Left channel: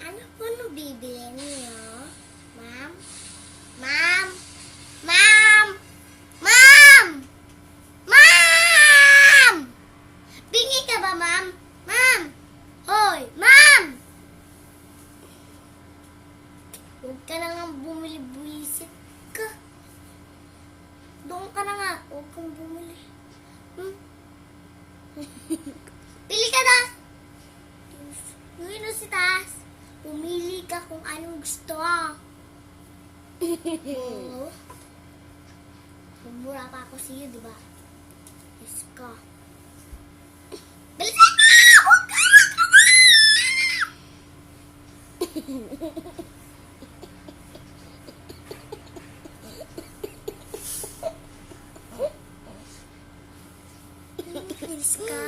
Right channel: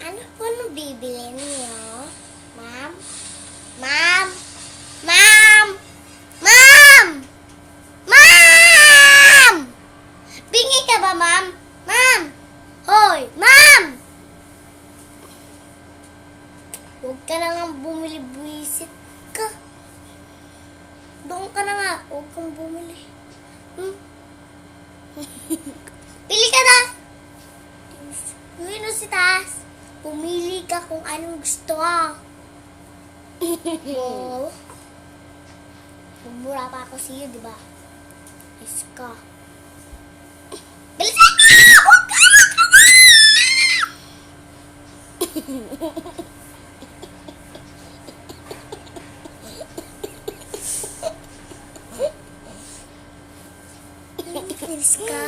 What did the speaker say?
Ano po bibili niyo? Ma'am? Ma'am? Ma'am? Ma'am! Ma'am! Bingi ka ba, ma'am? Ma'am! Hoy! Ma'am! Huwag ka na nga bumili, buwisit ka. Doon ka na nga. Huwag kang bumili. Pili ka na! Yun o si Tas. Pumili ka kung anong gusto mo. Oo. Mura pa ako sa'yo, di ba? Yes ka. Bilisan ka! Huwag ka! Bilis ka.